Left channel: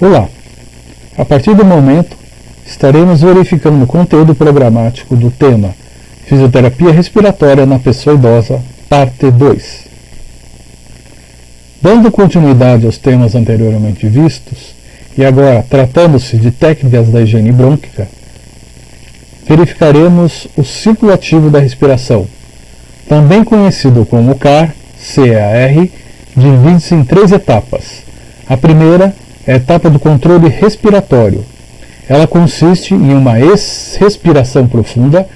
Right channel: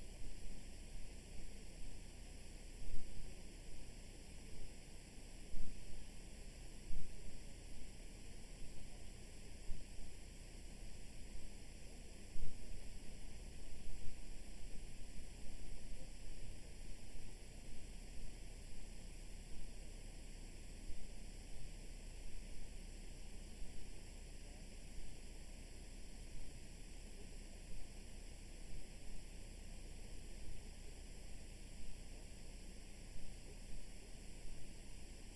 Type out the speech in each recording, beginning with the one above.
Olá! A partir do momento, estaremos verificando o conteúdo programático do tema Fisioterapia Respiratória na Pessoa Idosa, parte 2. Dando continuidade aos temas anteriormente vistos, e agora tratando-se de técnicas da higiene brônquica, verificaremos o ciclo ativo da respiração, também conhecido como CAR, divide-se em 3 etapas. A primeira é a etapa do controle respiratório. Ela consiste em uma respiração profunda,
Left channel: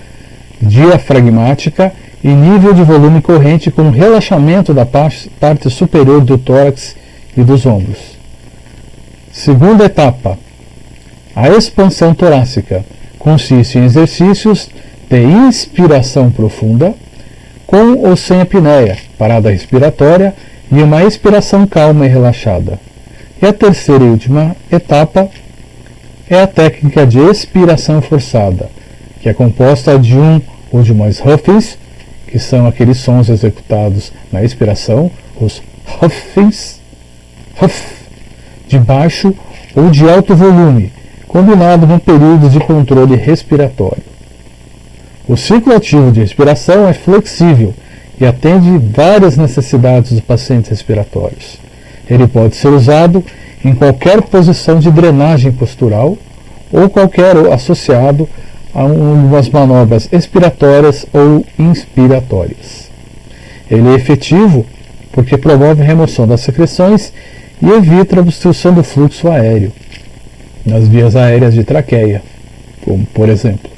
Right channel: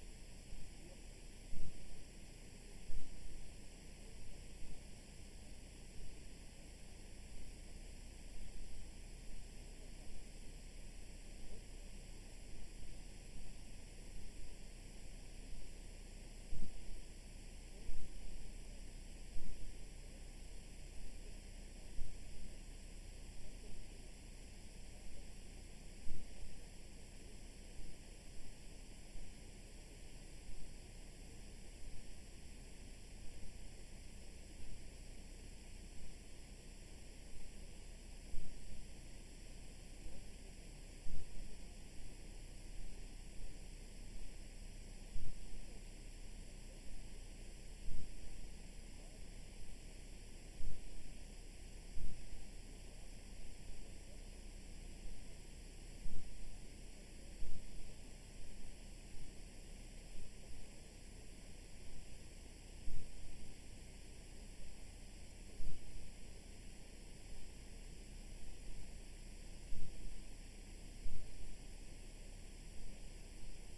diafragmática e nível de volume corrente com relaxamento da parte superior do tórax e dos ombros. Segunda etapa, a expansão torácica. Consiste em exercícios de inspiração profunda, com ou sem apneia, parada respiratória e uma expiração calma e relaxada. E a terceira e última etapa é a técnica de expiração forçada, que é composta de um ou de mais huffings, que são aqueles sons executados na expiração, os huffings, huff, de baixo ou de alto volume, combinado com períodos de controle respiratório. O ciclo ativo de respiração é flexível e atende várias necessidades dos pacientes respiratórios. Ele pode ser usado em qualquer posição de drenagem postural ou qualquer associado a umas manobras expiratórias ou inspiratórias. Ele é efetivo porque promove a remoção das secreções e evita a obstrução do fluxo aéreo nas vias aéreas de traqueia, como por exemplo.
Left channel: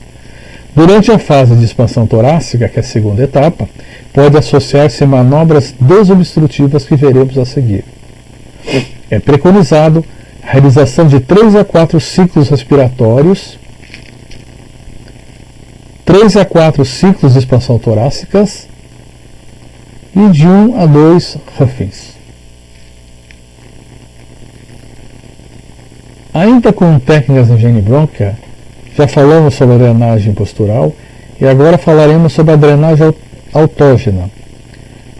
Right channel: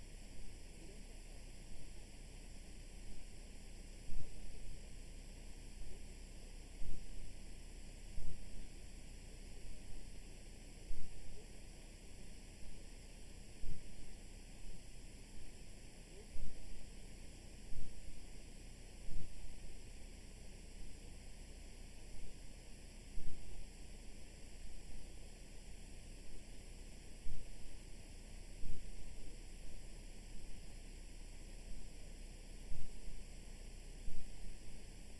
Durante a fase de expansão torácica, que é a segunda etapa, pode associar-se a manobras desobstrutivas que veremos a seguir. É preconizado a realização de 3 a 4 ciclos respiratórios, 3 a 4 ciclos de expansão torácicas e de 1 a 2 huffings. Ainda com técnicas de higiene brônquica, já falamos sobre a drenagem postural e agora falaremos sobre a drenagem autógena.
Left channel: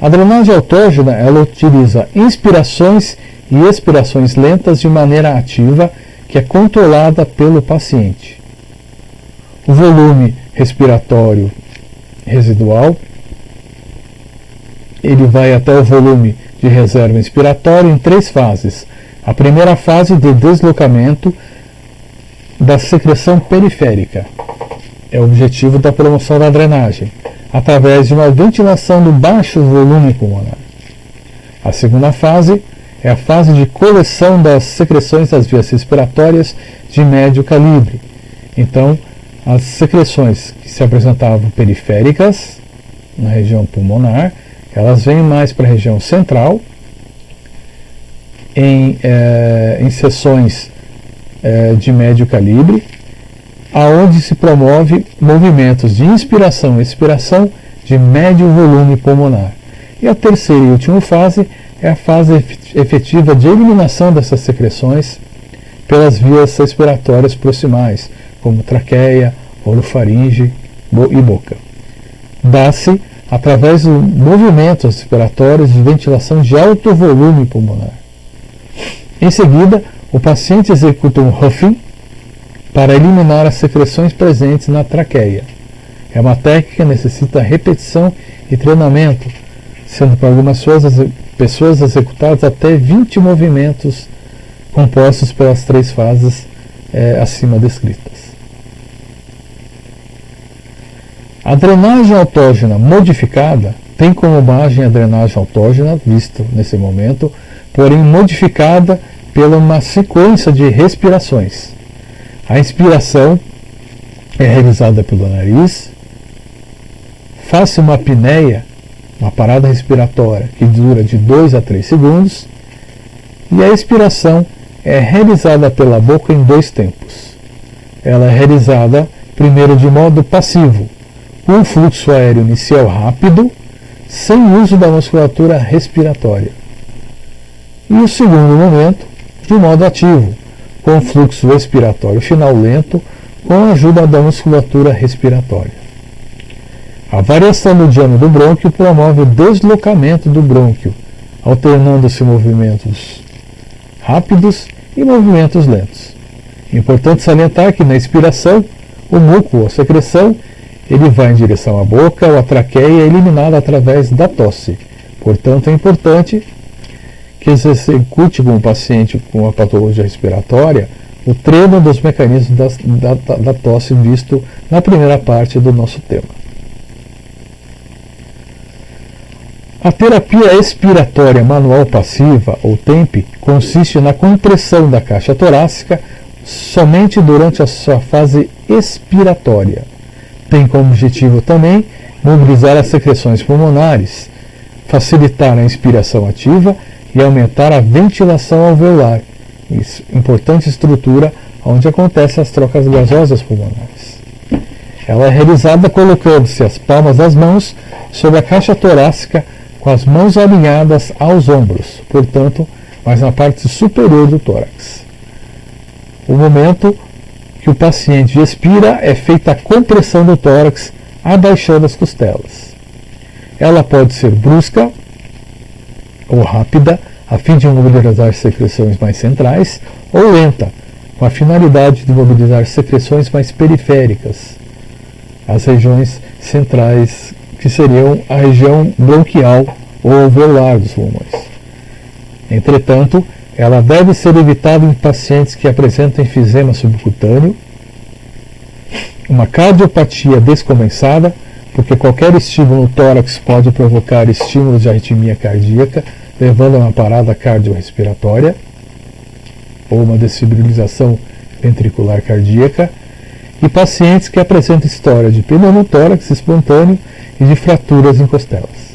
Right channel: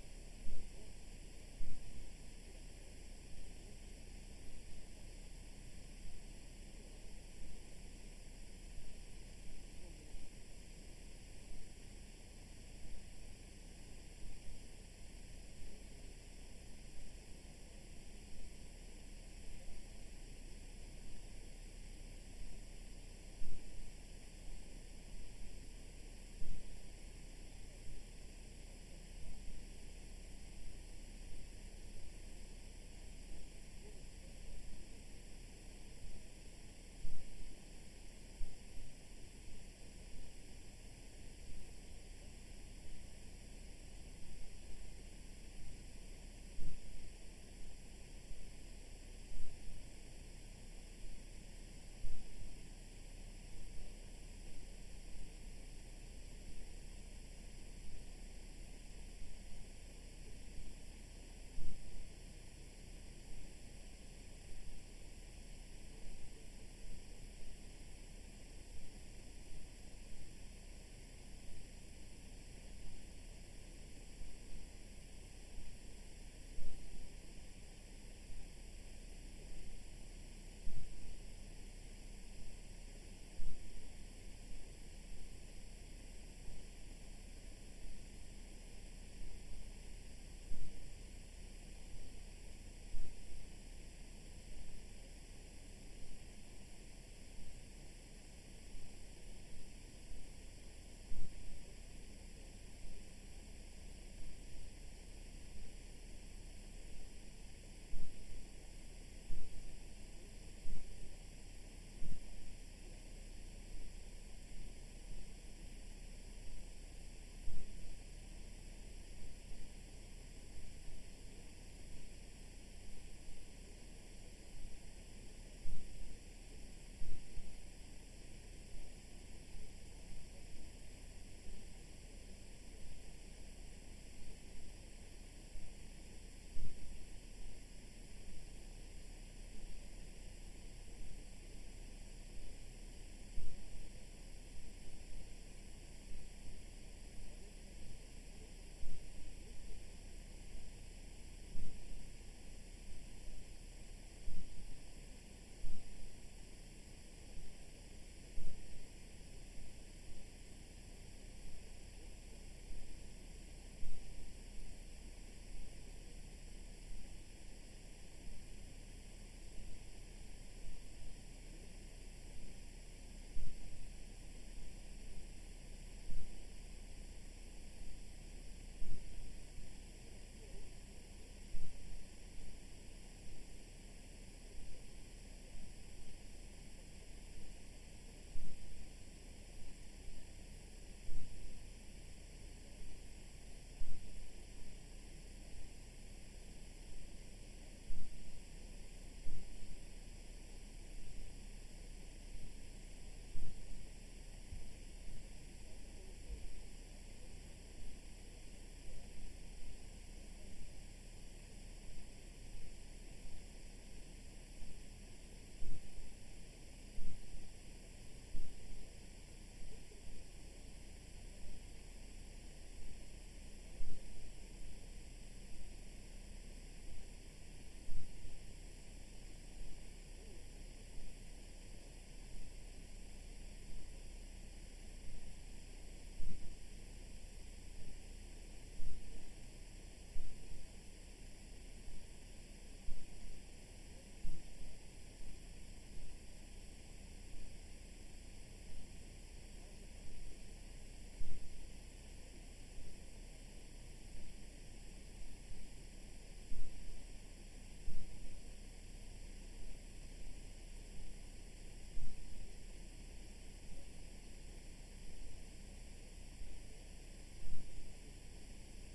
A drenagem autógena ela utiliza inspirações e expirações lentas de maneira ativa que é controlada pelo paciente. O volume respiratório residual ele vai até o volume de reserva inspiratória em 3 fases. A primeira fase de deslocamento da secreção periférica é o objetivo da promoção da drenagem, através de uma ventilação do baixo volume pulmonar. A segunda fase é a fase de coleção das secreções das vias respiratórias de médio calibre. Então, as secreções que se apresentavam periféricas, na região pulmonar, elas vêm mais para a região central, em seções de médio calibre, aonde se promove movimentos de inspiração e expiração de médio volume pulmonar. E a terceira e última fase é a fase efetiva de eliminação dessas secreções pelas vias respiratórias proximais, como traqueia, orofaringe e boca. Dá-se através de movimentos respiratórios de ventilação de alto volume pulmonar. Em seguida, o paciente executa um huffing para eliminar as secreções presentes na traqueia. É uma técnica que necessita repetição e treinamento, sendo para algumas pessoas executados até 20 movimentos compostos pelas 3 fases acima descritas. A drenagem autógena modificada tem como base a drenagem autógena, visto nesse momento, porém modificada pela uma sequência de respirações. A inspiração é realizada pelo nariz, faz-se uma apneia, uma parada respiratória que dura de 2 a 3 segundos, e a expiração é realizada pela boca em 2 tempos. Ela é realizada primeiro de modo passivo, com um fluxo aéreo inicial rápido, sem uso da musculatura respiratória. E o segundo momento, de modo ativo, com fluxo expiratório final lento, com a ajuda da musculatura respiratória. A variação do diâmetro do brônquio promove o deslocamento do brônquio, alternando-se movimentos rápidos e movimentos lentos. Importante salientar que na expiração, o muco ou secreção ele vai em direção à boca ou à traqueia e é eliminado através da tosse. Portanto, é importante que se execute com o paciente com a patologia respiratória o treino dos mecanismos da tosse visto na primeira parte do nosso tema. A terapia expiratória manual passiva, ou TEMP, consiste na compressão da caixa torácica somente durante a sua fase expiratória. Tem como objetivo também mobilizar as secreções pulmonares, facilitar a inspiração ativa e aumentar a ventilação alveolar, importante estrutura onde acontecem as trocas gasosas pulmonares. Ela é realizada colocando-se as palmas das mãos sobre a caixa torácica com as mãos alinhadas aos ombros, portanto, mais na parte superior do tórax. O momento que o paciente expira é feita a compressão do tórax, abaixando as costelas. Ela pode ser brusca ou rápida, a fim de mobilizar secreções mais centrais, ou lenta, com a finalidade de mobilizar secreções mais periféricas, as regiões centrais, que seriam a região bronquial ou alveolar dos pulmões. Entretanto, ela deve ser evitada em pacientes que apresentam enfisema subcutâneo, uma cardiopatia descompensada, porque qualquer estímulo no tórax pode provocar estímulos de arritmia cardíaca, levando a uma parada cardiorrespiratória ou uma desfibrilização ventricular cardíaca, e pacientes que apresentam história de pneumotórax espontâneo e de fraturas em costelas.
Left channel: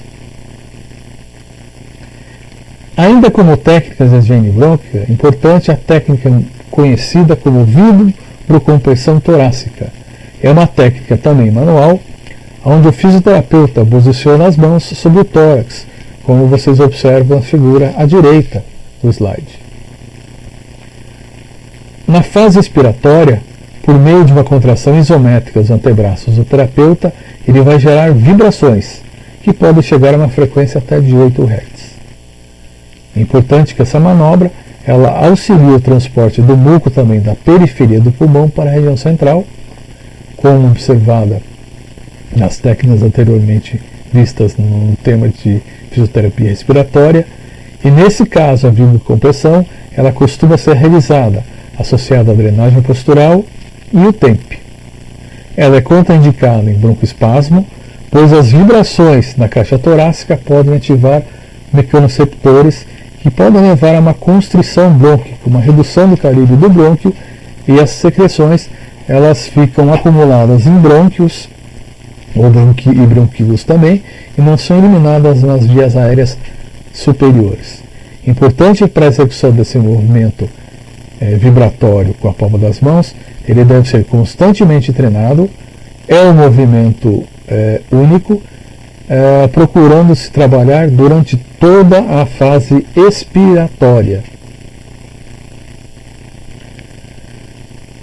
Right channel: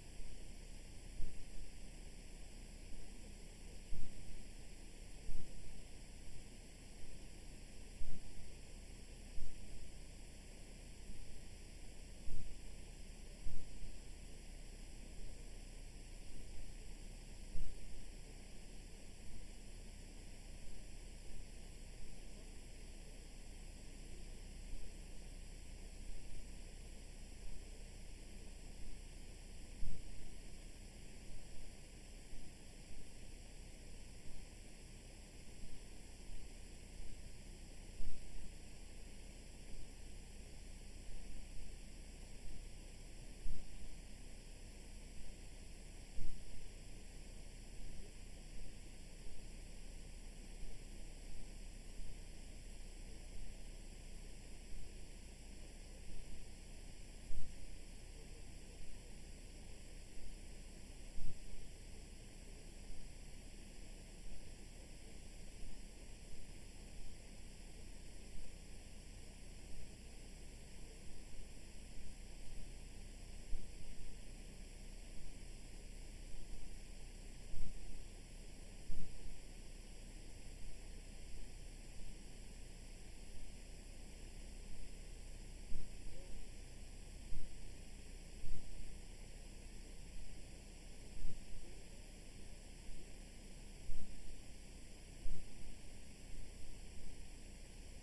Ainda como técnicas de higiene brônquica, é importante a técnica conhecida como vibrocompressão torácica. É uma técnica também manual, onde o fisioterapeuta posiciona as mãos sobre o tórax, como vocês observam na figura à direita do slide. Na fase expiratória, por meio de uma contração isométrica dos antebraços do terapeuta, ele vai gerar vibrações, que podem chegar a uma frequência até de 8 Hz. É importante que essa manobra ela auxilie o transporte do muco também da periferia do pulmão para a região central, como observada nas técnicas anteriormente vistas no tema de fisioterapia respiratória, e nesse caso a vibrocompressão ela costuma ser realizada associada à drenagem postural e o TEMP. Ela é contraindicada em broncoespasmo, pois as vibrações na caixa torácica podem ativar mecanoreceptores que podem levar a uma constrição brônquica, uma redução do calibre do brônquio, e as secreções elas ficam acumuladas em brônquios e bronquíolos também, e não são eliminadas nas vias aéreas superiores. Importante para a execução desse movimento vibratório com a palma das mãos, ele deve ser constantemente treinado, é um movimento único, procurando se trabalhar durante toda a fase expiratória.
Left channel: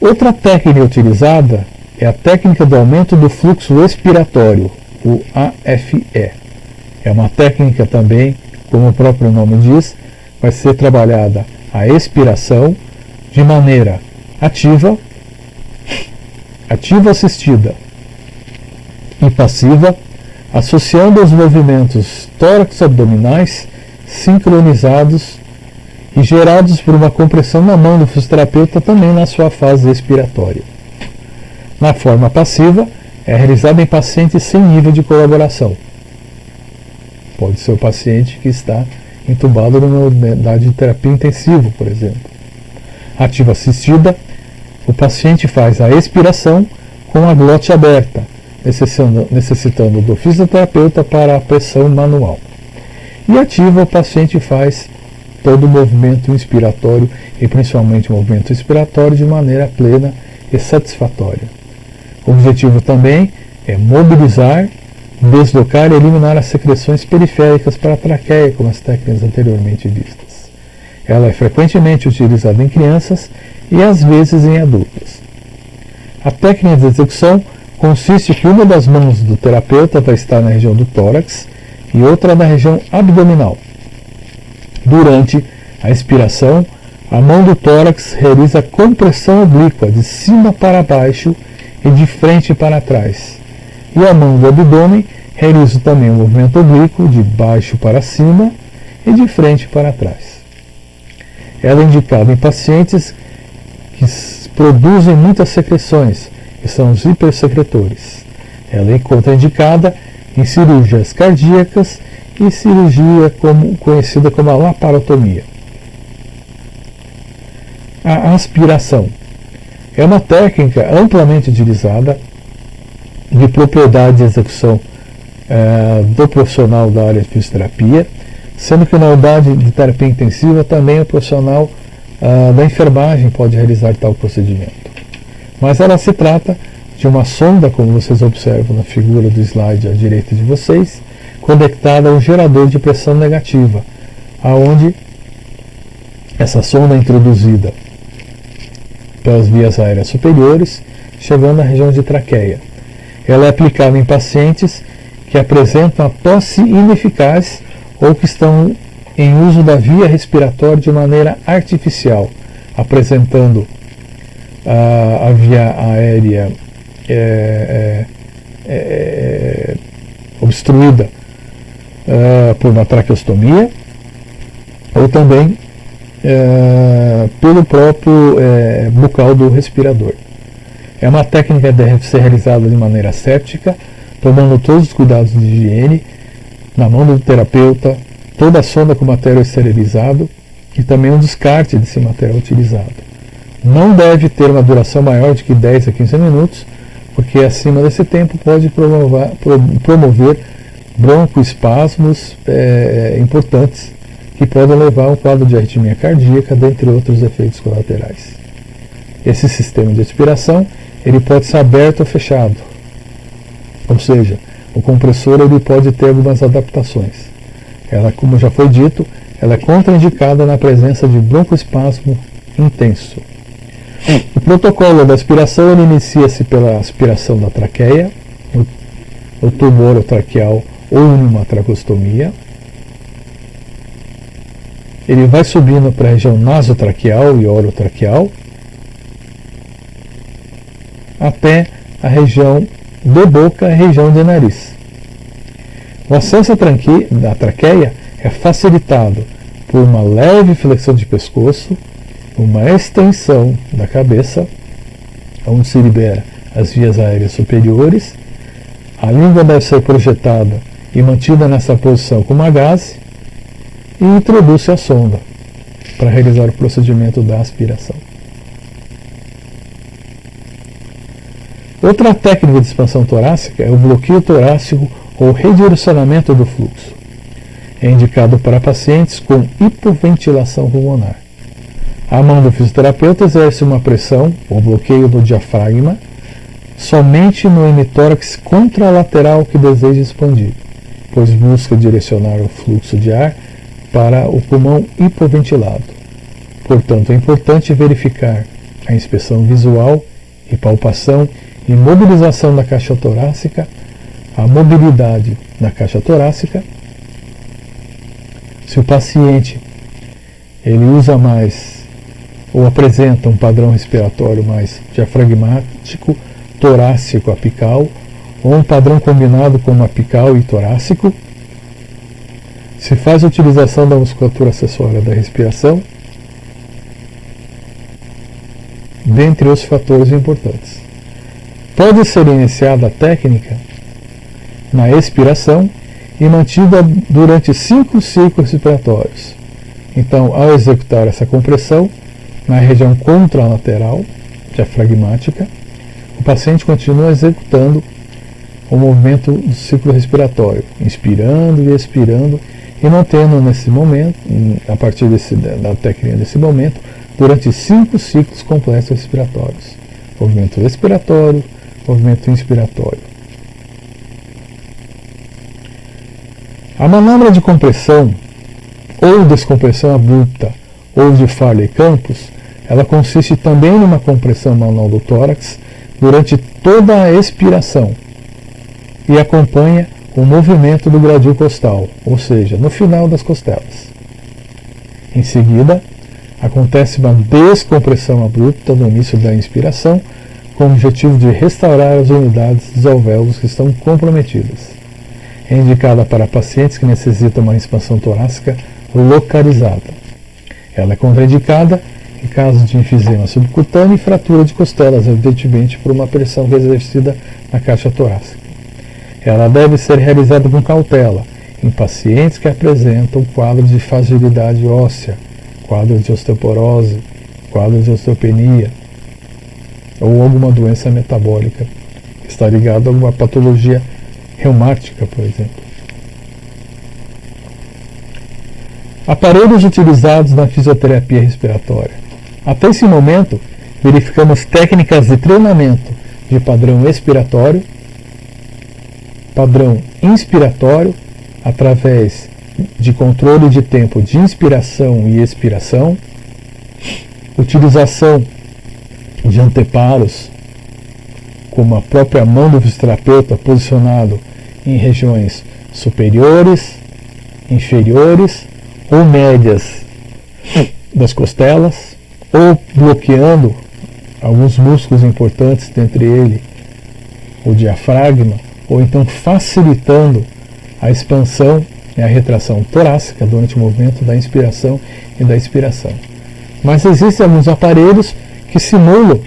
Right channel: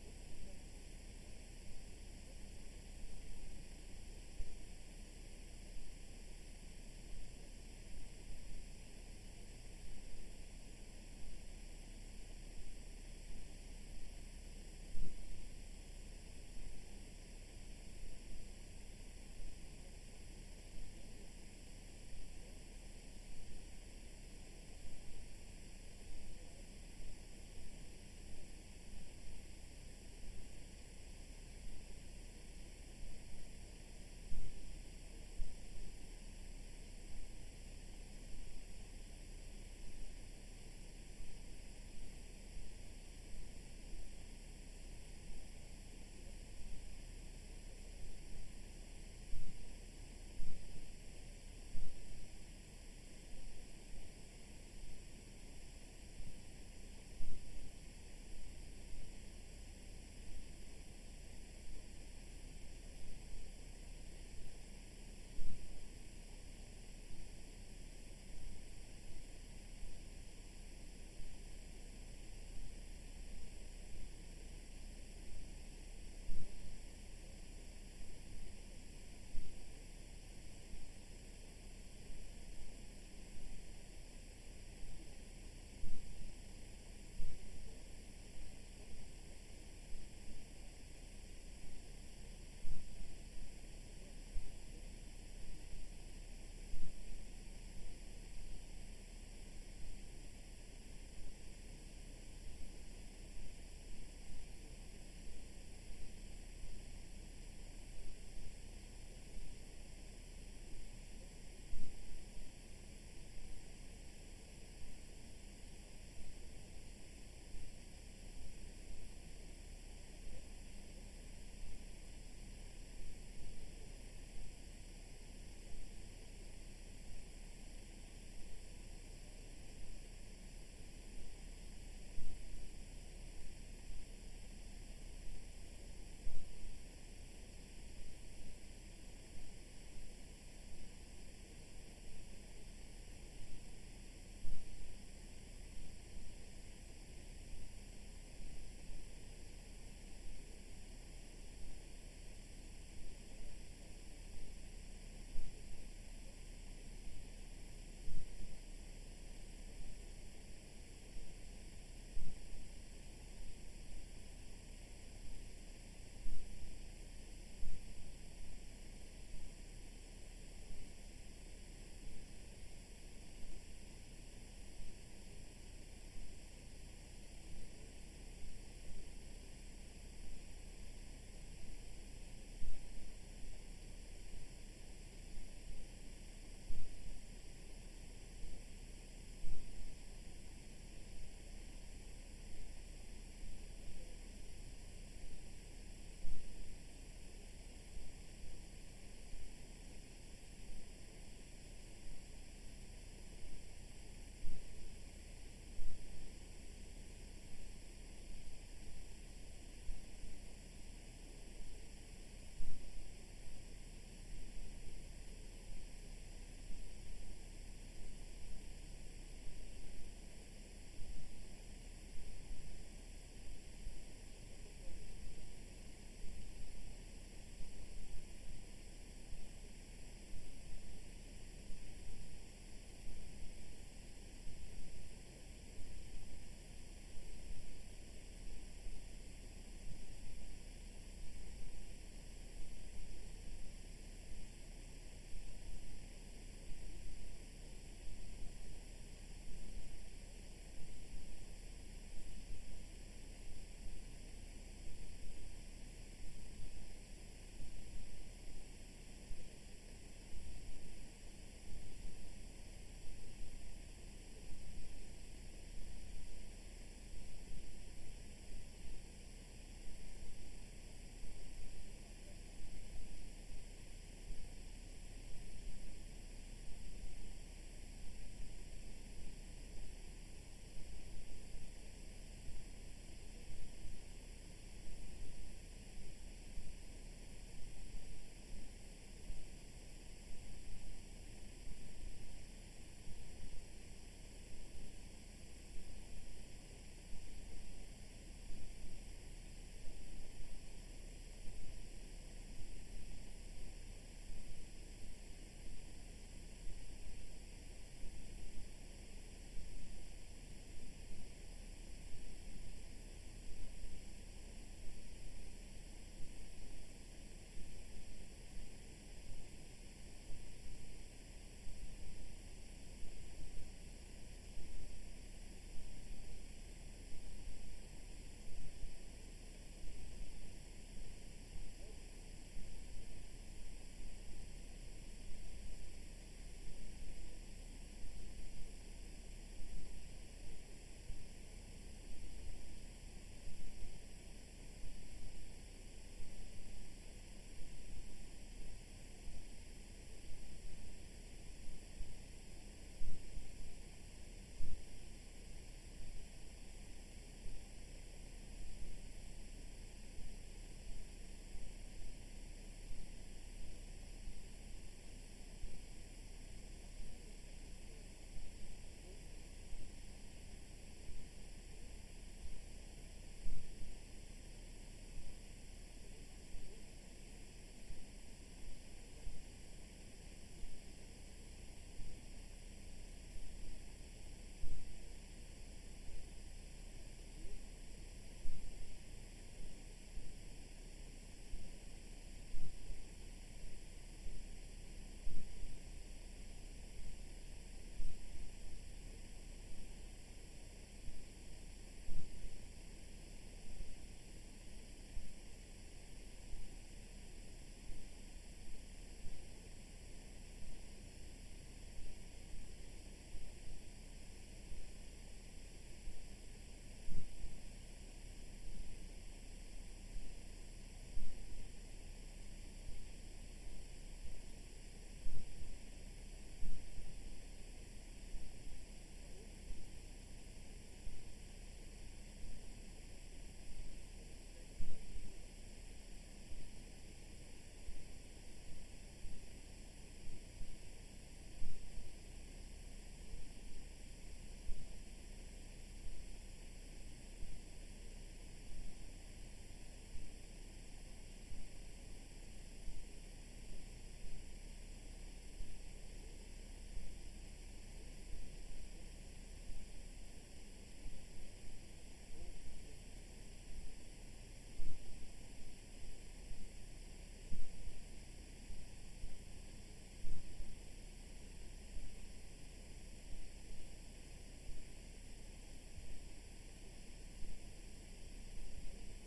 Outra técnica utilizada é a técnica do aumento do fluxo expiratório, o AFE. É uma técnica também, como o próprio nome diz, vai ser trabalhada a expiração de maneira ativa assistida e passiva, associando os movimentos tórax-abdominais sincronizados e gerados por uma compressão na mão do fisioterapeuta também na sua fase expiratória. Na forma passiva, é realizada em pacientes sem nível de colaboração. Pode ser o paciente que está entubado numa unidade de terapia intensiva, por exemplo. Ativa assistida, o paciente faz a expiração com a glote aberta, necessitando do fisioterapeuta para a pressão manual. E ativa, o paciente faz todo o movimento inspiratório e principalmente o movimento expiratório de maneira plena e satisfatória. O objetivo também é mobilizar, deslocar e eliminar as secreções periféricas para a traqueia, como as técnicas anteriormente vistas. Ela é frequentemente utilizada em crianças e às vezes em adultos. A técnica de execução consiste que uma das mãos do terapeuta vai estar na região do tórax e outra na região abdominal. Durante a expiração, A mão do tórax realiza compressão oblíqua de cima para baixo e de frente para trás. E a mão do abdômen realiza também um movimento oblíquo de baixo para cima e de frente para trás. Ela é indicada em pacientes que produzem muitas secreções, que são os hipersecretores. Ela é contraindicada em cirurgias cardíacas e cirurgia conhecida como a laparotomia. A aspiração é uma técnica amplamente utilizada de propriedade de execução do profissional da área de fisioterapia, sendo que na unidade de terapia intensiva também o profissional da enfermagem pode realizar tal procedimento. Mas ela se trata de uma sonda, como vocês observam na figura do slide à direita de vocês, conectada a um gerador de pressão negativa, aonde essa sonda é introduzida pelas vias aéreas superiores, chegando à região de traqueia. Ela é aplicada em pacientes que apresentam a tosse ineficaz ou que estão em uso da via respiratória de maneira artificial, apresentando a via aérea obstruída por uma traqueostomia ou também pelo próprio bucal do respirador. É uma técnica que deve ser realizada de maneira aséptica, tomando todos os cuidados de higiene, na mão do terapeuta, toda a sonda com material esterilizado e também um descarte desse material utilizado. Não deve ter uma duração maior de que 10 a 15 minutos, porque acima desse tempo pode promover broncoespasmos importantes, que podem levar a um quadro de arritmia cardíaca, dentre outros efeitos colaterais. Esse sistema de aspiração ele pode ser aberto ou fechado, ou seja, o compressor ele pode ter algumas adaptações. Ela, como já foi dito, ela é contraindicada na presença de broncoespasmo intenso. O protocolo da aspiração ele inicia-se pela aspiração da traqueia, o tubo orotraqueal ou uma traqueostomia. Ele vai subindo para a região nasotraqueal e orotraqueal até a região de boca e região de nariz. O acesso à traqueia é facilitado por uma leve flexão de pescoço, uma extensão da cabeça, onde se libera as vias aéreas superiores. A língua deve ser projetada e mantida nessa posição com uma gaze e introduz-se a sonda para realizar o procedimento da aspiração. Outra técnica de expansão torácica é o bloqueio torácico ou redirecionamento do fluxo. É indicado para pacientes com hipoventilação pulmonar. A mão do fisioterapeuta exerce uma pressão ou bloqueio do diafragma somente no hemitórax contralateral que deseja expandir, pois busca direcionar o fluxo de ar para o pulmão hipoventilado. Portanto, é importante verificar a inspeção visual e palpação e mobilização da caixa torácica, a mobilidade da caixa torácica. Se o paciente ele usa mais ou apresenta um padrão respiratório mais diafragmático, torácico apical, ou um padrão combinado com apical e torácico, se faz a utilização da musculatura acessória da respiração, dentre os fatores importantes. Pode ser iniciada a técnica na expiração e mantida durante 5 ciclos respiratórios. Então, ao executar essa compressão na região contralateral diafragmática, o paciente continua executando o movimento do ciclo respiratório, inspirando e expirando, e mantendo nesse momento, a partir da técnica desse momento, durante 5 ciclos completos respiratórios. Movimento expiratório, movimento inspiratório. A manobra de compressão ou descompressão abrupta ou de Farley-Campos, ela consiste também numa compressão manual do tórax durante toda a expiração e acompanha o movimento do gradil costal, ou seja, no final das costelas. Em seguida, Acontece uma descompressão abrupta no início da inspiração, com o objetivo de restaurar as unidades dos alvéolos que estão comprometidas. É indicada para pacientes que necessitam uma expansão torácica localizada. Ela é contraindicada em caso de enfisema subcutâneo e fratura de costelas, evidentemente por uma pressão exercida na caixa torácica. Ela deve ser realizada com cautela em pacientes que apresentam quadro de fragilidade óssea, quadro de osteoporose, quadro de osteopenia ou alguma doença metabólica que está ligada a alguma patologia reumática, por exemplo. Aparelhos utilizados na fisioterapia respiratória. Até esse momento, verificamos técnicas de treinamento de padrão expiratório, padrão inspiratório, através de controle de tempo de inspiração e expiração, utilização de anteparos, como a própria mão do fisioterapeuta posicionado em regiões superiores, inferiores ou médias das costelas, ou bloqueando alguns músculos importantes, dentre ele o diafragma, ou então facilitando a expansão e a retração torácica durante o movimento da inspiração e da expiração. Mas existem alguns aparelhos que simulam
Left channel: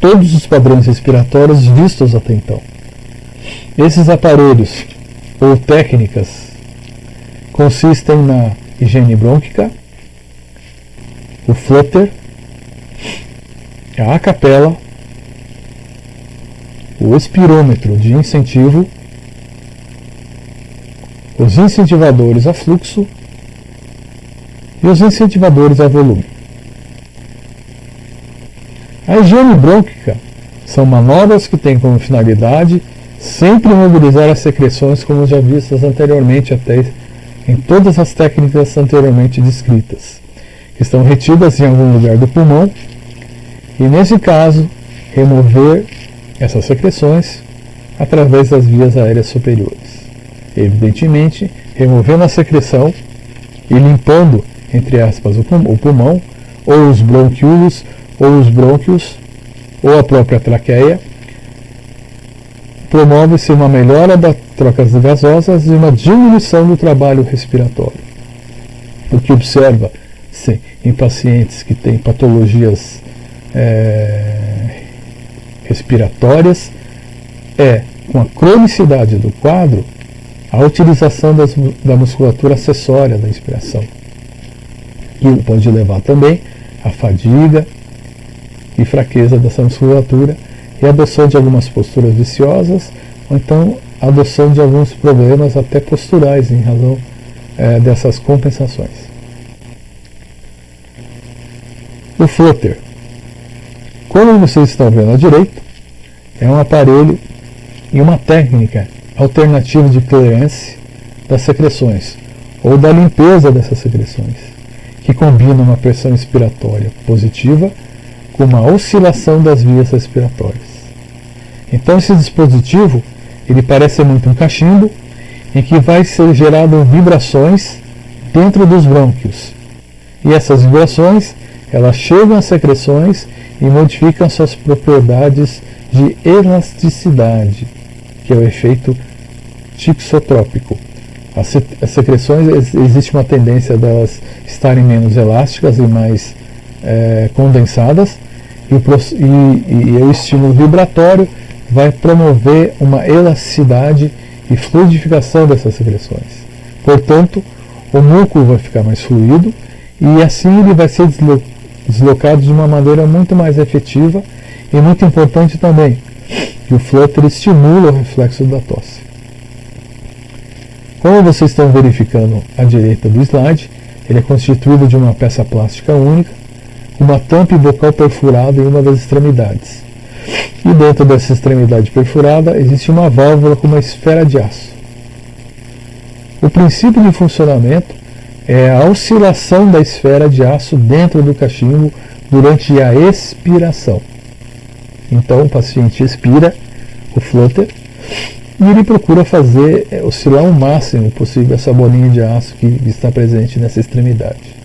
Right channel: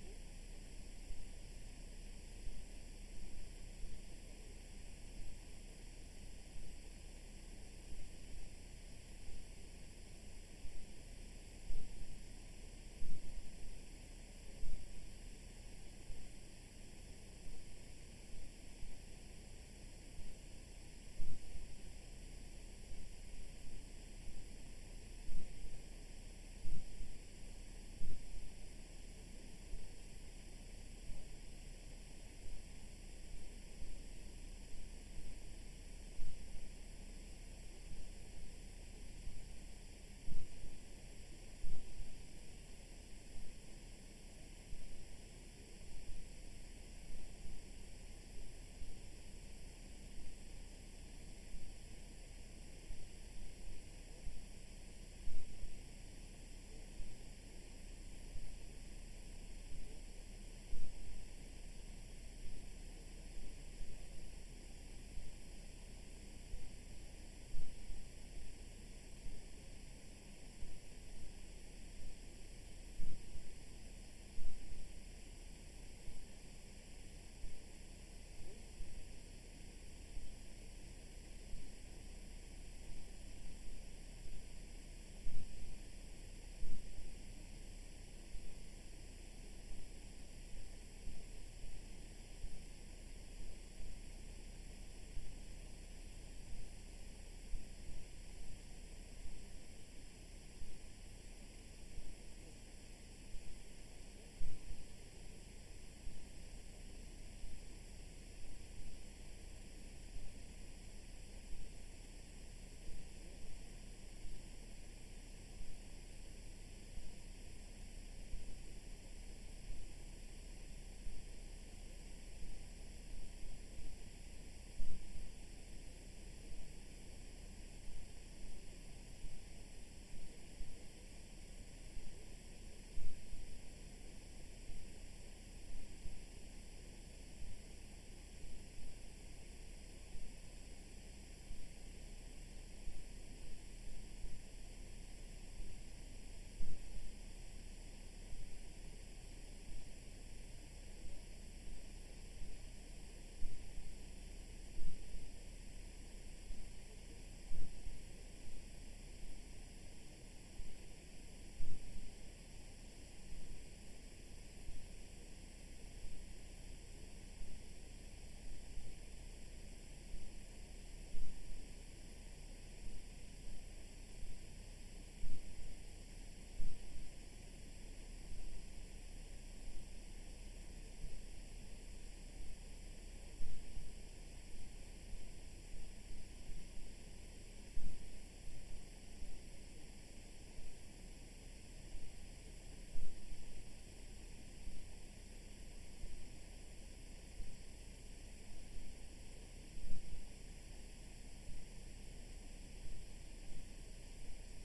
todos os padrões respiratórios vistos até então. Esses aparelhos ou técnicas consistem na higiene brônquica, o flutter, a acapela, o espirômetro de incentivo, os incentivadores a fluxo e os incentivadores a volume. A higiene brônquica são manobras que têm como finalidade sempre mobilizar as secreções, como já vistas anteriormente, até em todas as técnicas anteriormente descritas, que estão retidas em algum lugar do pulmão, e nesse caso, remover essas secreções através das vias aéreas superiores. Evidentemente, removendo a secreção e limpando, entre aspas, o pulmão, ou os bronquíolos, ou os brônquios, ou a própria traqueia, promove-se uma melhora das trocas gasosas e uma diminuição do trabalho respiratório. O que observa-se em pacientes que têm patologias respiratórias é, com a cronicidade do quadro, a utilização da musculatura acessória da inspiração, que pode levar também à fadiga e fraqueza dessa musculatura e a adoção de algumas posturas viciosas, ou então a adoção de alguns problemas até posturais em razão dessas compensações. O flutter, como vocês estão vendo à direita, é um aparelho e uma técnica alternativa de clearance das secreções, ou da limpeza dessas secreções, que combina uma pressão expiratória positiva com uma oscilação das vias respiratórias. Então esse dispositivo, ele parece muito um cachimbo, em que vai ser gerado vibrações dentro dos brônquios. E essas vibrações, elas chegam às secreções e modificam suas propriedades de elasticidade, que é o efeito tixotrópico. As secreções, existe uma tendência delas estarem menos elásticas e mais condensadas, e o estímulo vibratório vai promover uma elasticidade e fluidificação dessas secreções. Portanto, o músculo vai ficar mais fluido e assim ele vai ser deslocado de uma maneira muito mais efetiva, e muito importante também, que o flutter estimula o reflexo da tosse. Como vocês estão verificando à direita do slide, ele é constituído de uma peça plástica única, uma tampa bocal perfurada em uma das extremidades. E dentro dessa extremidade perfurada existe uma válvula com uma esfera de aço. O princípio de funcionamento é a oscilação da esfera de aço dentro do cachimbo durante a expiração. Então o paciente expira o flutter e ele procura fazer oscilar o máximo possível essa bolinha de aço que está presente nessa extremidade.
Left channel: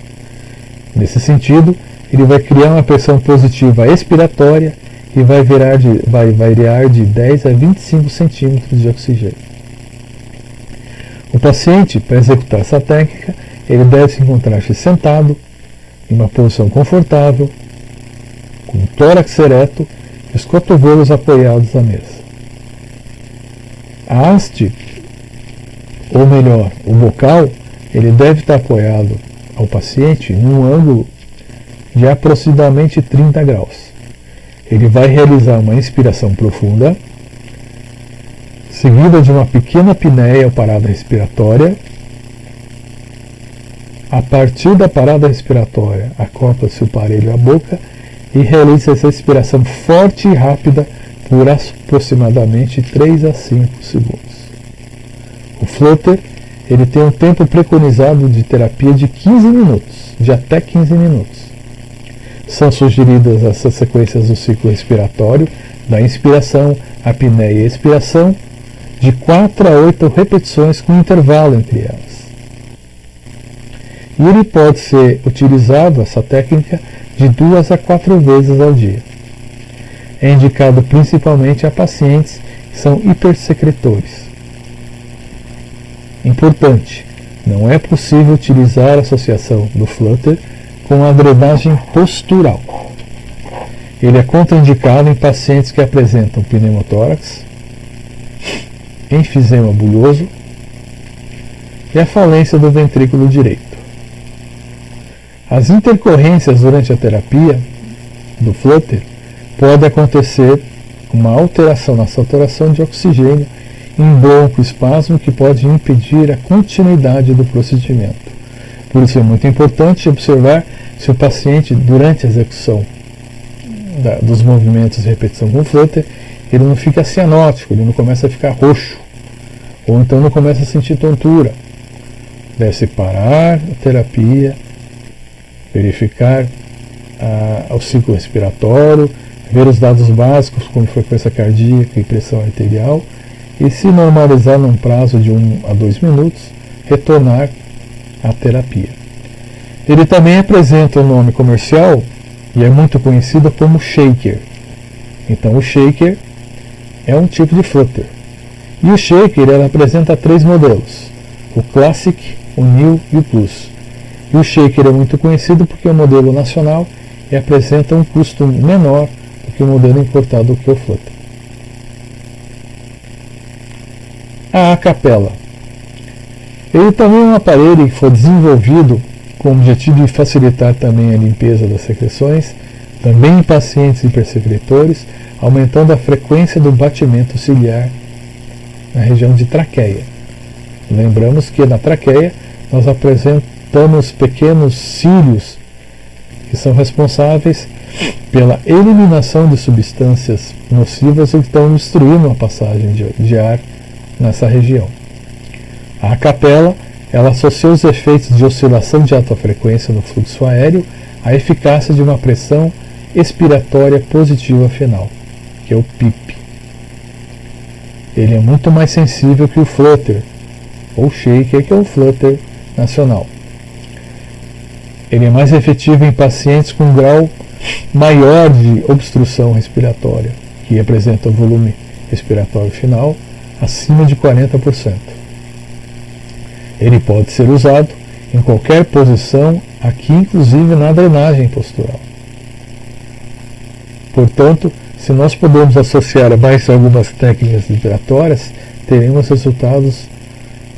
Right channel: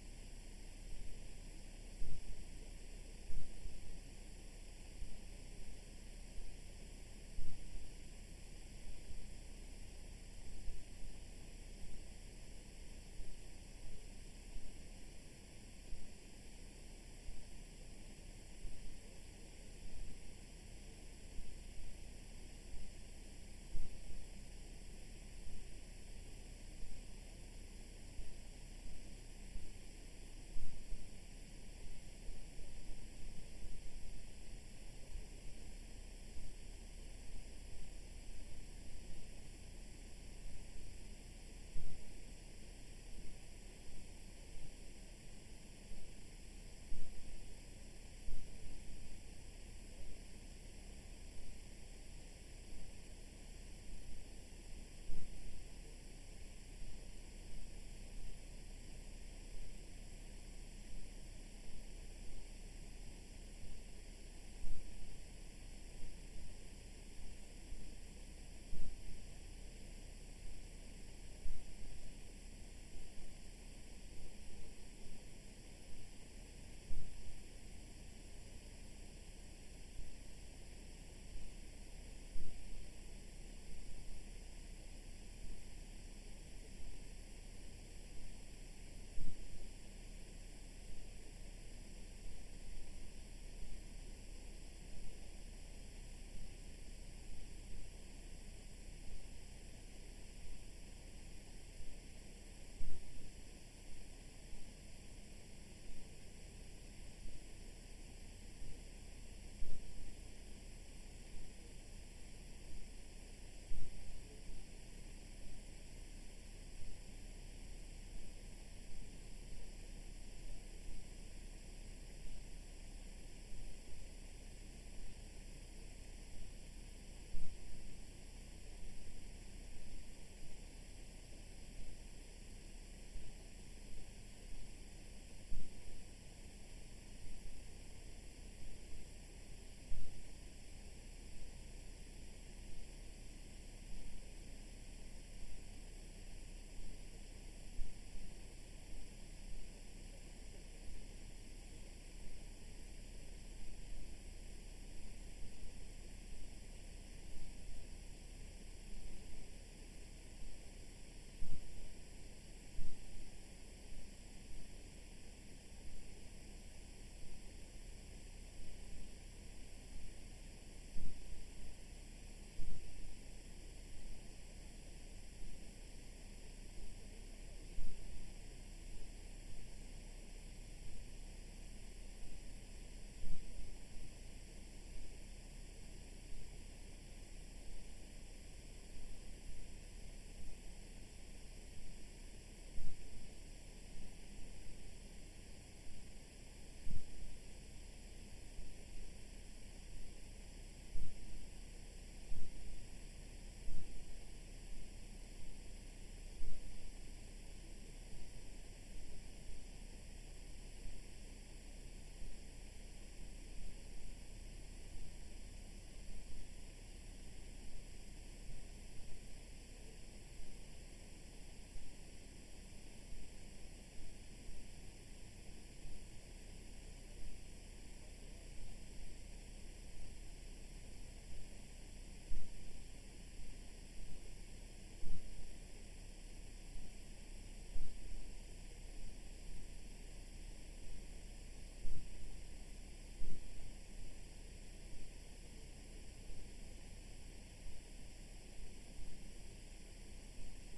Nesse sentido, ele vai criar uma pressão positiva expiratória e vai variar de 10 a 25 centímetros de oxigênio. O paciente, para executar essa técnica, ele deve encontrar-se sentado, em uma posição confortável, com o tórax ereto e os cotovelos apoiados na mesa. A haste, ou melhor, o bocal, ele deve estar apoiado ao paciente num ângulo de aproximadamente 30 graus. Ele vai realizar uma inspiração profunda, seguida de uma pequena apneia ou parada respiratória. A partir da parada respiratória, acopla-se o aparelho à boca e realiza essa respiração forte e rápida por aproximadamente 3 a 5 segundos. O flutter, ele tem um tempo preconizado de terapia de 15 minutos, de até 15 minutos. São sugeridas essas sequências do ciclo respiratório, da inspiração, apneia e expiração, de 4 a 8 repetições com intervalo entre elas. E ele pode ser utilizado, essa técnica, de 2 a 4 vezes ao dia. É indicado principalmente a pacientes que são hipersecretores. Importante, não é possível utilizar a associação do flutter com a drenagem postural. Ele é contraindicado em pacientes que apresentam pneumotórax, enfisema bulhoso e a falência do ventrículo direito. As intercorrências durante a terapia do flutter pode acontecer uma alteração na saturação de oxigênio em broncoespasmo que pode impedir a continuidade do procedimento. Por isso é muito importante observar se o paciente, durante a execução dos movimentos de repetição com flutter, ele não fica cianótico, ele não começa a ficar roxo, ou então não começa a sentir tontura. Deve-se parar a terapia, verificar o ciclo respiratório, ver os dados básicos como frequência cardíaca e pressão arterial, e se normalizar num prazo de 1 a 2 minutos, retornar à terapia. Ele também apresenta o nome comercial e é muito conhecido como shaker. Então o shaker é um tipo de flutter. E o shaker ele apresenta 3 modelos: o Classic, o New e o Plus. E o shaker é muito conhecido porque é um modelo nacional e apresenta um custo menor do que o modelo importado que é o flutter. A capela. Ele também é um aparelho que foi desenvolvido com o objetivo de facilitar também a limpeza das secreções, também em pacientes hipersecretores, aumentando a frequência do batimento ciliar na região de traqueia. Lembramos que na traqueia nós apresentamos pequenos cílios que são responsáveis pela eliminação de substâncias nocivas ou que estão obstruindo a passagem de ar nessa região. A capela, ela associa os efeitos de oscilação de alta frequência no fluxo aéreo à eficácia de uma pressão expiratória positiva final, que é o PIP. Ele é muito mais sensível que o flutter, ou shaker, que é o flutter nacional. Ele é mais efetivo em pacientes com grau maior de obstrução respiratória, que apresenta o volume respiratório final acima de 40%. Ele pode ser usado em qualquer posição, aqui inclusive na drenagem postural. Portanto, se nós podemos associar a mais algumas técnicas respiratórias, teremos resultados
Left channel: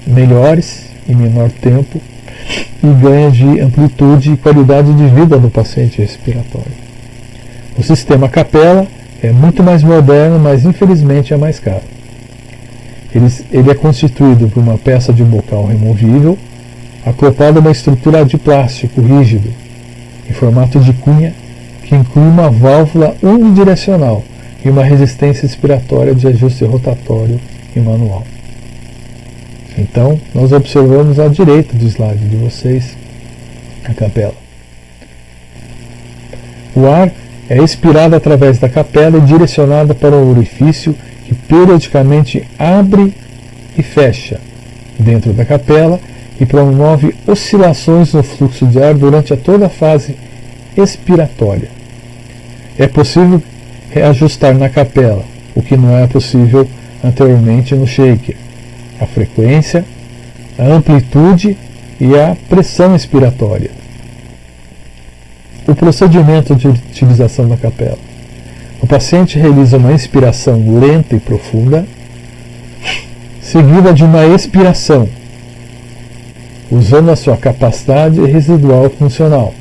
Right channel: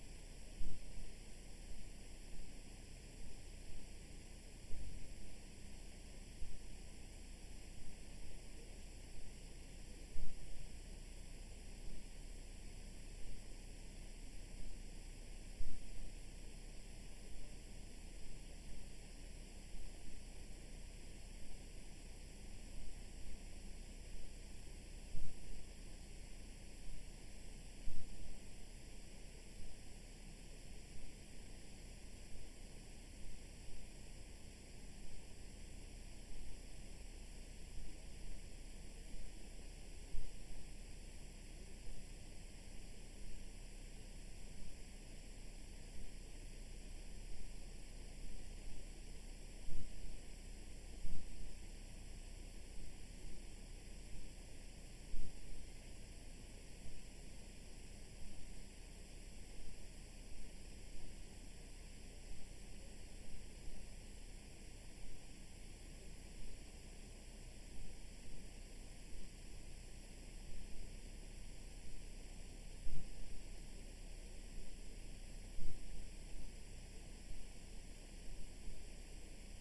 melhores em menor tempo e ganho de amplitude e qualidade de vida do paciente respiratório. O sistema capela é muito mais moderno, mas infelizmente é mais caro. Ele é constituído por uma peça de bocal removível, acoplada a uma estrutura de plástico rígido, em formato de cunha, que inclui uma válvula unidirecional e uma resistência expiratória de ajuste rotatório e manual. Então, nós observamos à direita do slide de vocês a capela. O ar é expirado através da capela e direcionado para um orifício que periodicamente abre e fecha dentro da capela e promove oscilações no fluxo de ar durante toda a fase expiratória. É possível reajustar na capela, o que não era possível anteriormente no shaker, a frequência, a amplitude e a pressão expiratória. O procedimento de utilização da capela. O paciente realiza uma inspiração lenta e profunda, seguida de uma expiração, usando a sua capacidade residual funcional,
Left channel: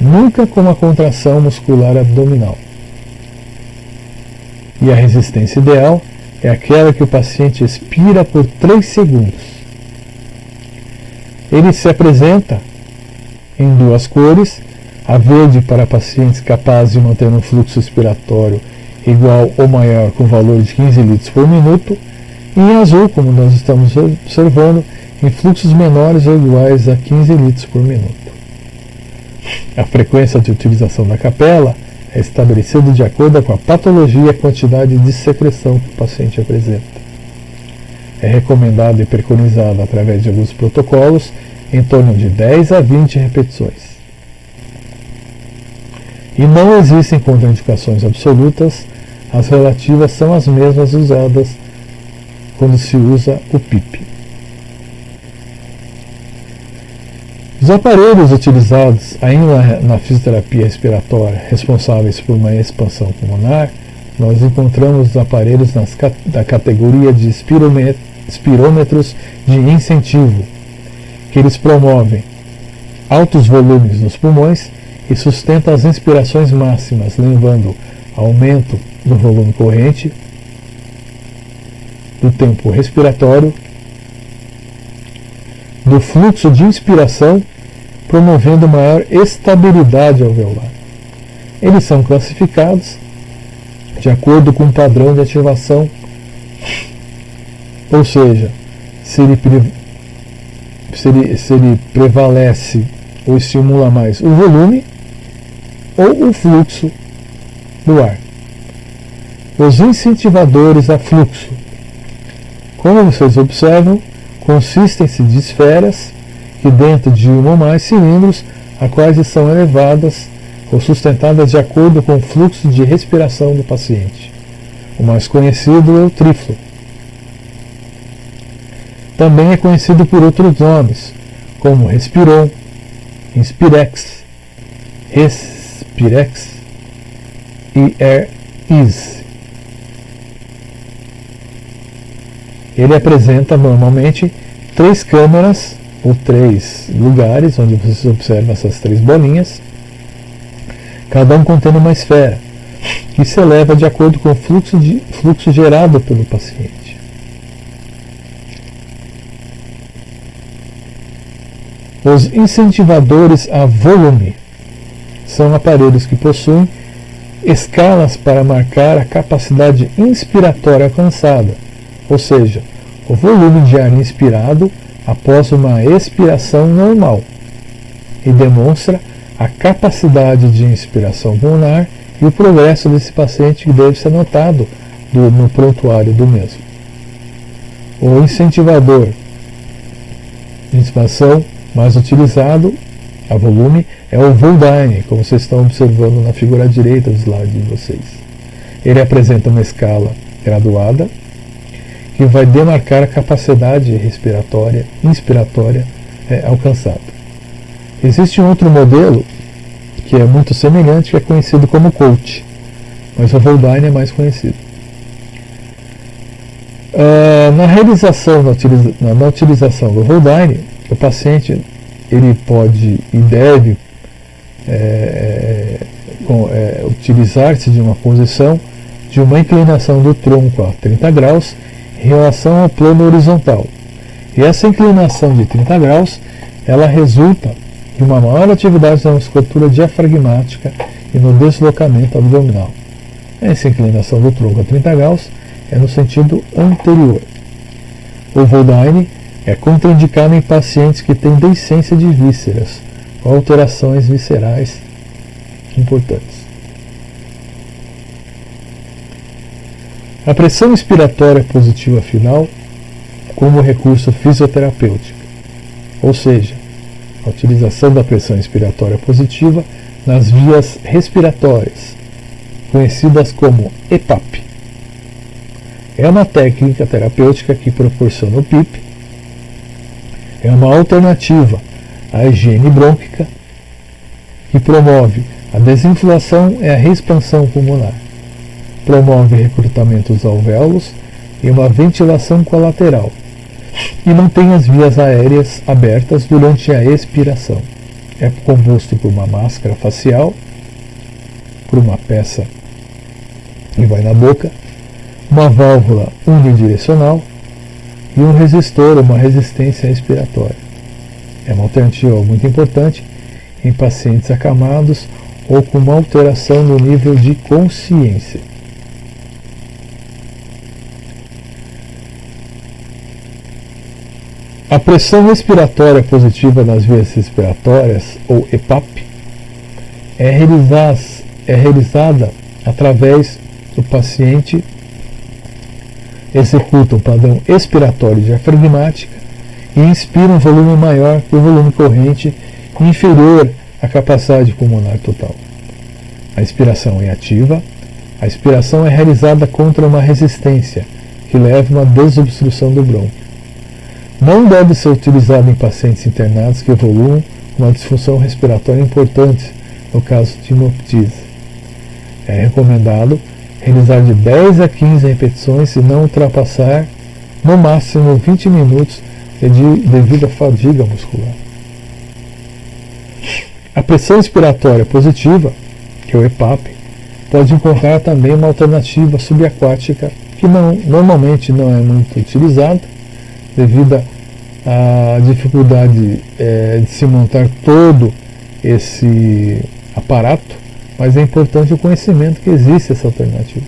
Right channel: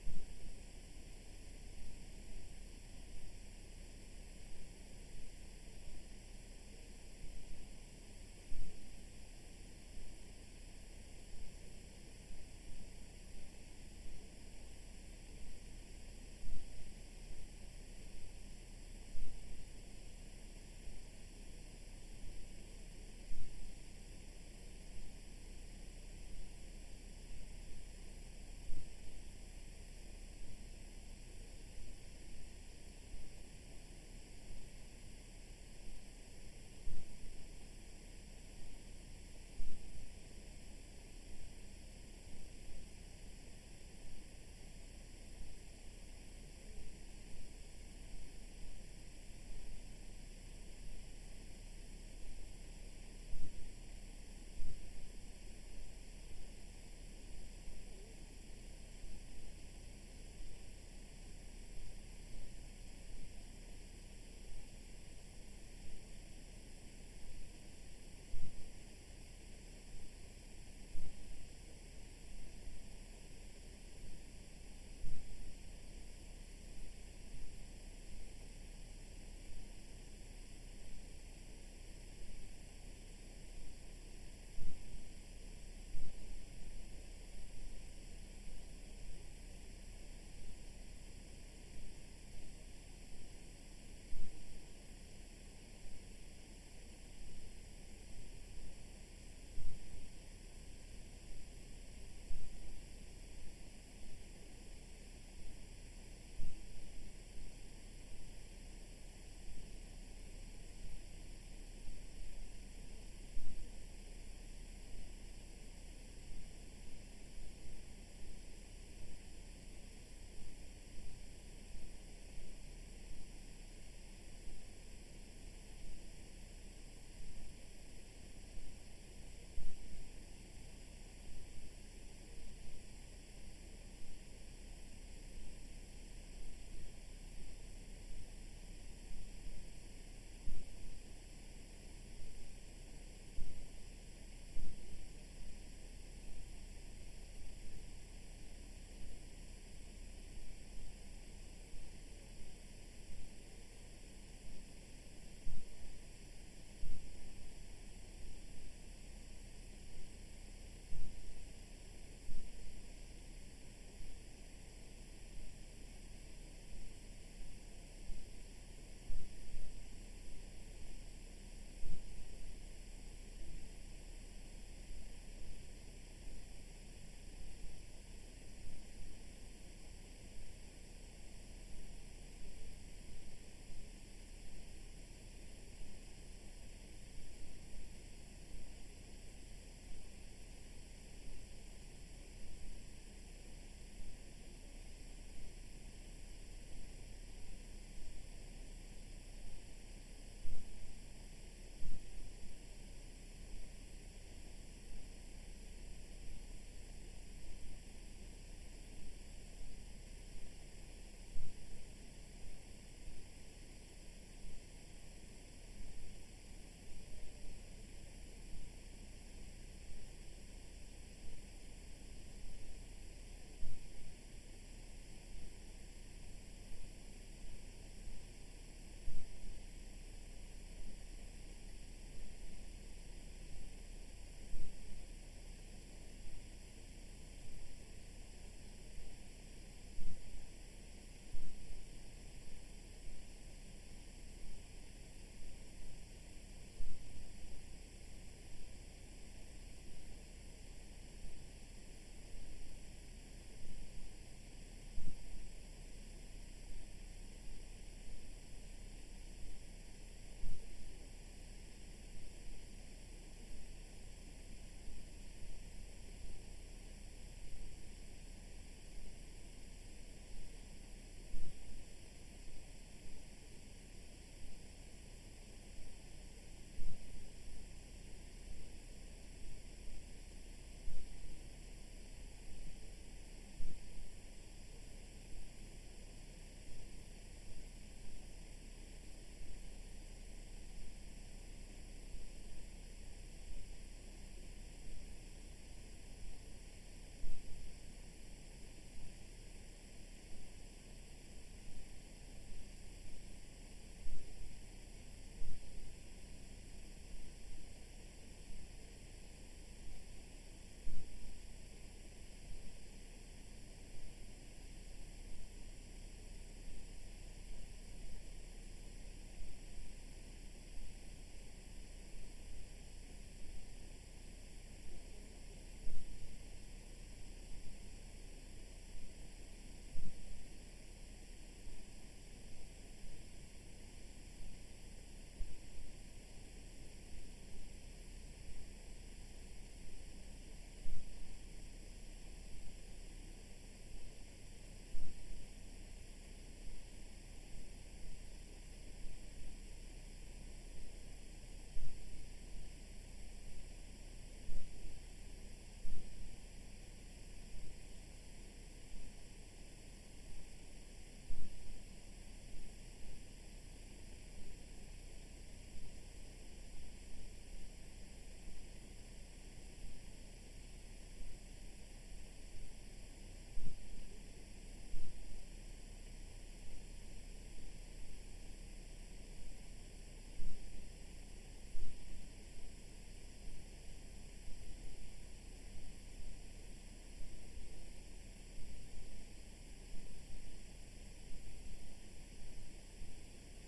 nunca com uma contração muscular abdominal. E a resistência ideal é aquela que o paciente expira por 3 segundos. Ele se apresenta em 2 cores, a verde para pacientes capazes de manter um fluxo expiratório igual ou maior com valor de 15 litros por minuto, e em azul, como nós estamos observando, em fluxos menores ou iguais a 15 litros por minuto. A frequência de utilização da capela é estabelecida de acordo com a patologia e a quantidade de secreção que o paciente apresenta. É recomendado e preconizado através de alguns protocolos em torno de 10 a 20 repetições. E não existem contraindicações absolutas, as relativas são as mesmas usadas quando se usa o PIP. Os aparelhos utilizados ainda na fisioterapia respiratória responsáveis por uma expansão pulmonar, nós encontramos os aparelhos da categoria de espirômetros de incentivo, que eles promovem altos volumes nos pulmões e sustentam as inspirações máximas, levando aumento do volume corrente, do tempo respiratório, do fluxo de inspiração, promovendo maior estabilidade alveolar. Eles são classificados de acordo com o padrão de ativação, ou seja, se ele prevalece ou estimula mais o volume ou o fluxo do ar. Os incentivadores a fluxo, como vocês observam, consistem-se de esferas que dentro de um ou mais cilindros, a quais são elevadas ou sustentadas de acordo com o fluxo de respiração do paciente. O mais conhecido é o triflo. Também é conhecido por outros nomes, como Respiron, Inspirex, Respirex e Air Ease. Ele apresenta normalmente 3 câmaras ou 3 lugares onde vocês observam essas 3 bolinhas, cada um contendo uma esfera, que se eleva de acordo com o fluxo gerado pelo paciente. Os incentivadores a volume são aparelhos que possuem escalas para marcar a capacidade inspiratória alcançada, ou seja, o volume de ar inspirado após uma expiração normal, e demonstra a capacidade de inspiração pulmonar e o progresso desse paciente que deve ser notado no prontuário do mesmo. O incentivador de expansão mais utilizado a volume é o Voldine, como vocês estão observando na figura direita do slide de vocês. Ele apresenta uma escala graduada que vai demarcar a capacidade inspiratória alcançada. Existe um outro modelo que é muito semelhante, que é conhecido como Coach, mas o Voldine é mais conhecido. Na utilização do Voldine, o paciente ele pode e deve utilizar-se de uma posição de uma inclinação do tronco a 30 graus em relação ao plano horizontal. E essa inclinação de 30 graus, ela resulta de uma maior atividade na musculatura diafragmática e no deslocamento abdominal. Essa inclinação do tronco a 30 graus é no sentido anterior. O Voldine é contraindicado em pacientes que têm deiscência de vísceras, ou alterações viscerais importantes. A pressão expiratória positiva final como recurso fisioterapêutico. ou seja, a utilização da pressão expiratória positiva nas vias respiratórias, conhecidas como EPAP. É uma técnica terapêutica que proporciona o PIP, é uma alternativa à higiene brônquica, que promove a desinflação e a reexpansão pulmonar, promove recrutamento dos alvéolos e uma ventilação colateral, e mantém as vias aéreas abertas durante a expiração. É composto por uma máscara facial, por uma peça que vai na boca, uma válvula unidirecional e um resistor, uma resistência respiratória. É uma alternativa muito importante em pacientes acamados ou com uma alteração no nível de consciência. A pressão respiratória positiva nas vias respiratórias, ou EPAP, é realizada através do paciente executa um padrão expiratório diafragmático e inspira um volume maior que o volume corrente inferior à capacidade pulmonar total. A inspiração é ativa. A expiração é realizada contra uma resistência que leva a uma desobstrução do brônquio. Não deve ser utilizado em pacientes internados que evoluam com uma disfunção respiratória importante, no caso de hemoptise. É recomendado realizar de 10 a 15 repetições e não ultrapassar no máximo 20 minutos devido à fadiga muscular. A pressão expiratória positiva, que é o EPAP, pode encontrar também uma alternativa subaquática que normalmente não é muito utilizada devido à dificuldade de se montar todo esse aparato, mas é importante o conhecimento que existe essa alternativa.